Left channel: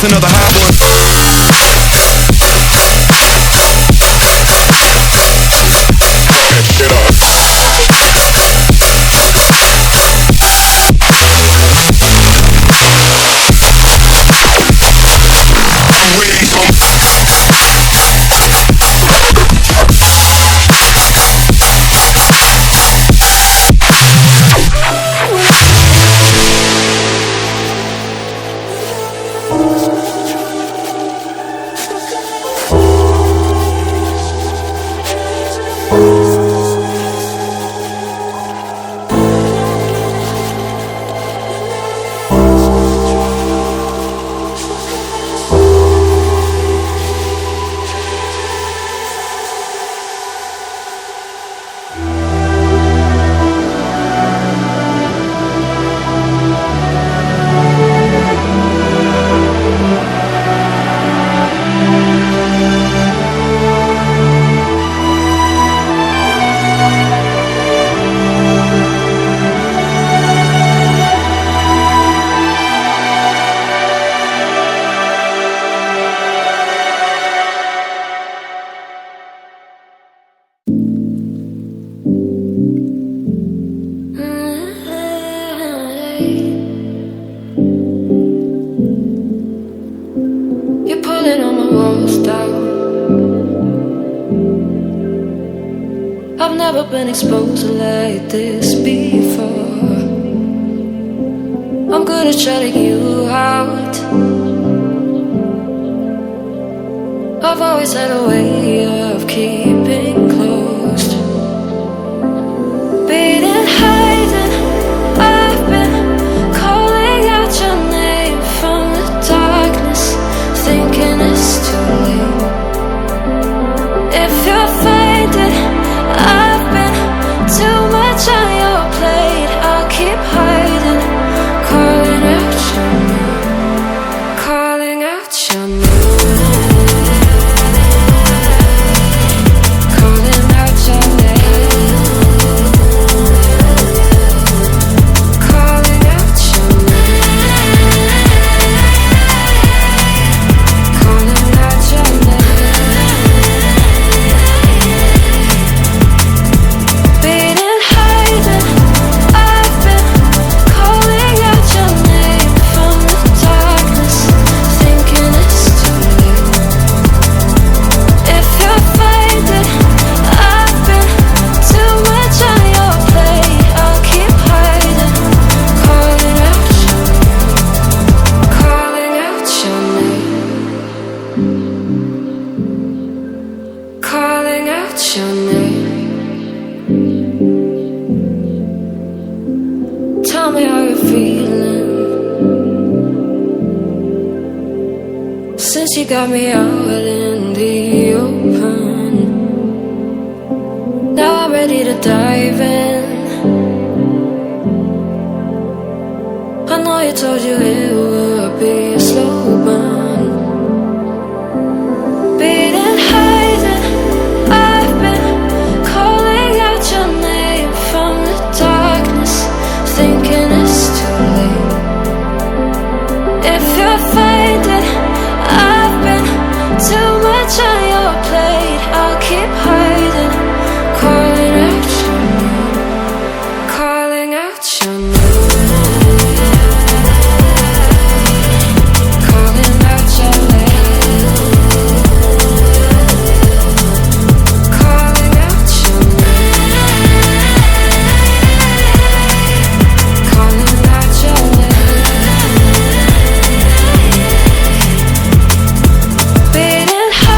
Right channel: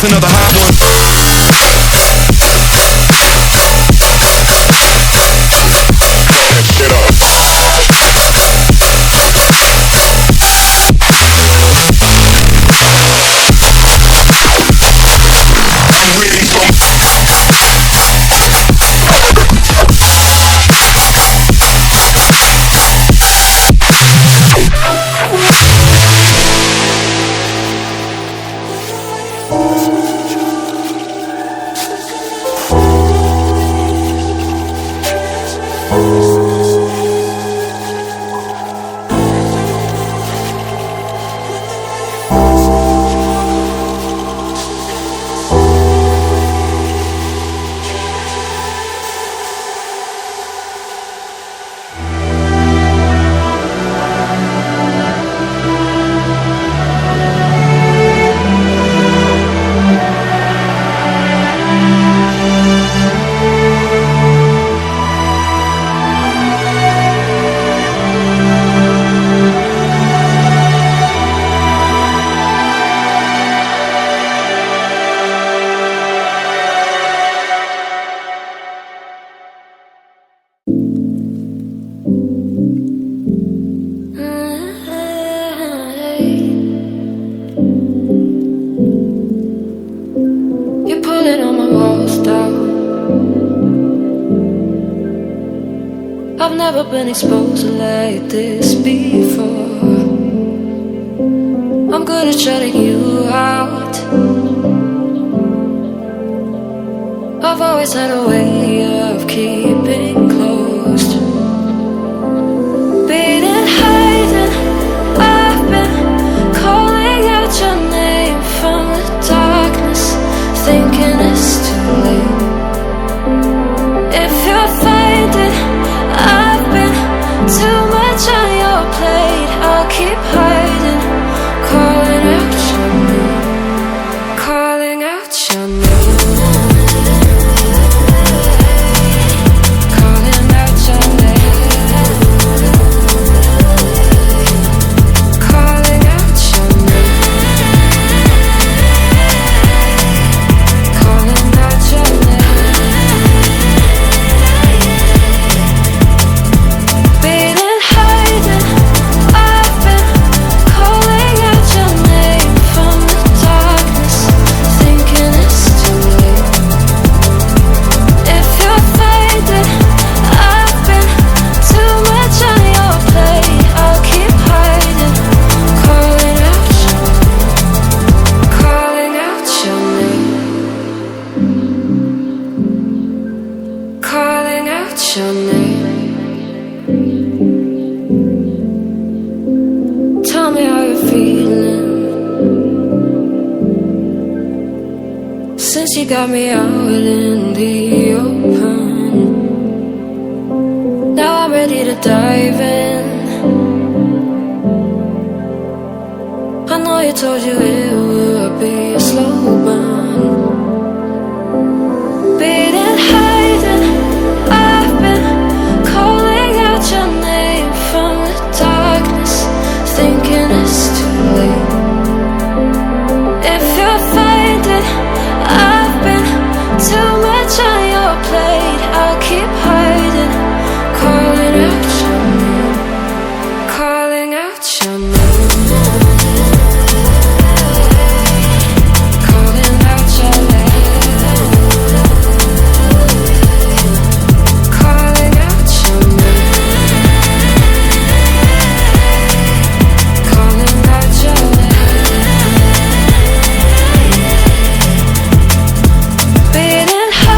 That's another hot one. Shit up. I'm waiting for I've never been exposed like this before. I'm good at shutting you out. I've always had a way of keeping closed. Beating, hiding, I've been calling out your name from the darkness, thinking it's too late. If you're finding I've been too much on your plate, I'll keep hiding, calling out your name, calling out your name, calling out your name, calling out your name, calling out your name. Your name. Tell me how you're feeling since you got me out in the open. Now I'm ready to dive in. I know you told you it would be a slow burn. Beating, hiding, I've been calling out your name from the darkness, thinking it's too late. If you're finding I've been too much on your plate, I'll keep hiding, calling out your name, calling out your name. Beating high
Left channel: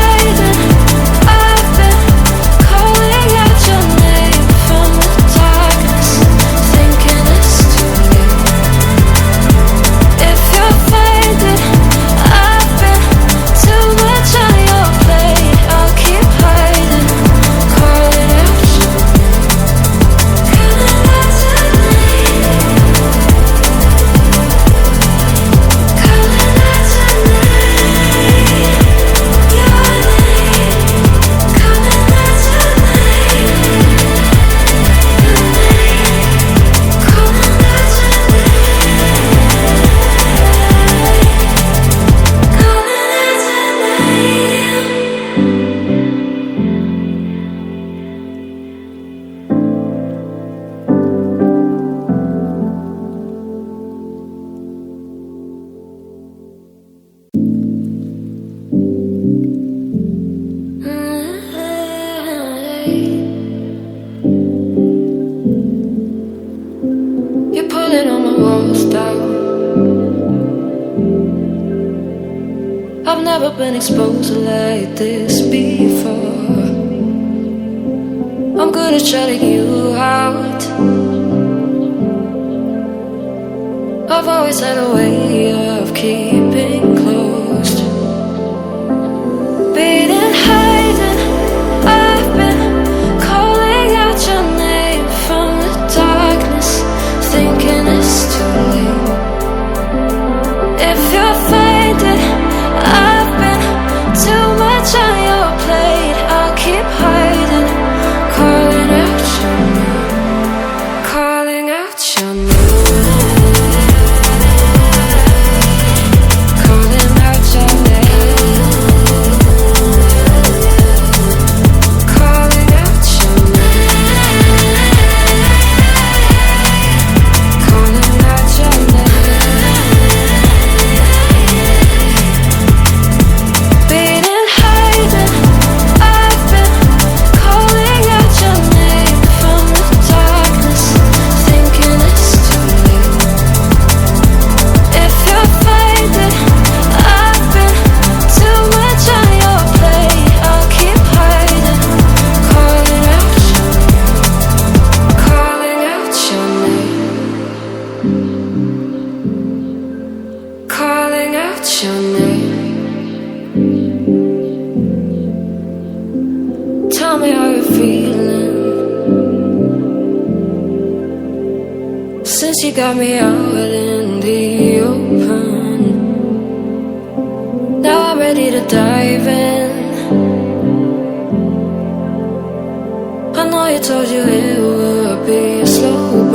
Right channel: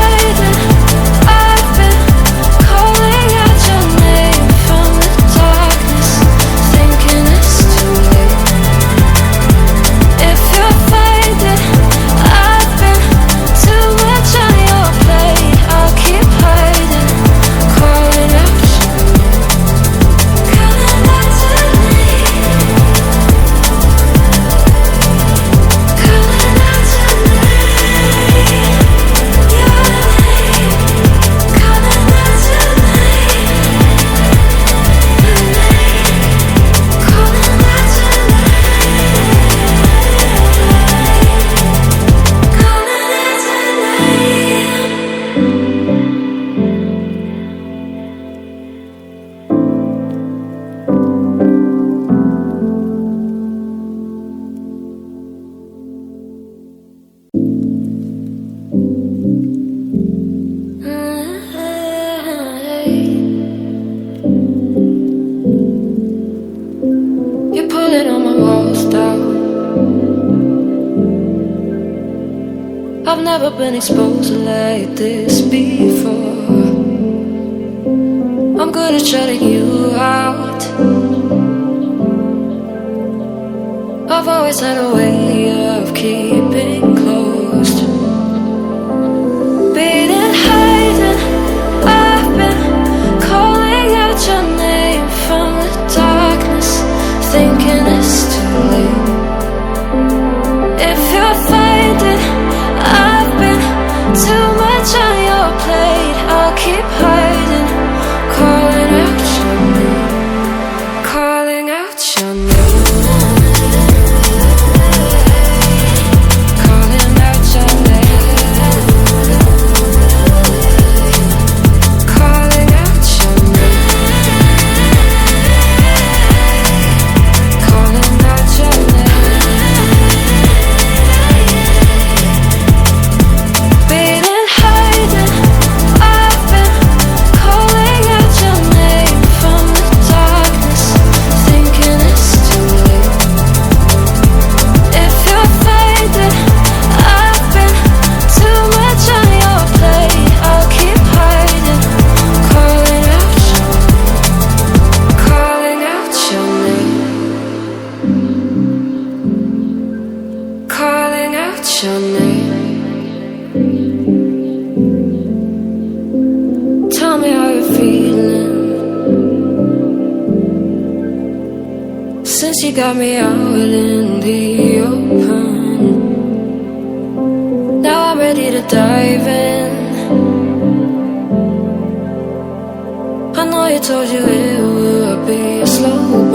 You're pulling all my walls down. I've never been exposed like this before. I'm good at shutting you out. I've always had a way of keeping closed. Beating, hiding, I've been calling out your name from the darkness, thinking it's too late. If you're finding I've been too much on your plate, I'll keep hiding, calling out your name, calling out your name. Tell me how you're feeling since you got me out in the open. Now I'm ready to dive in. I know you told you it would be a slow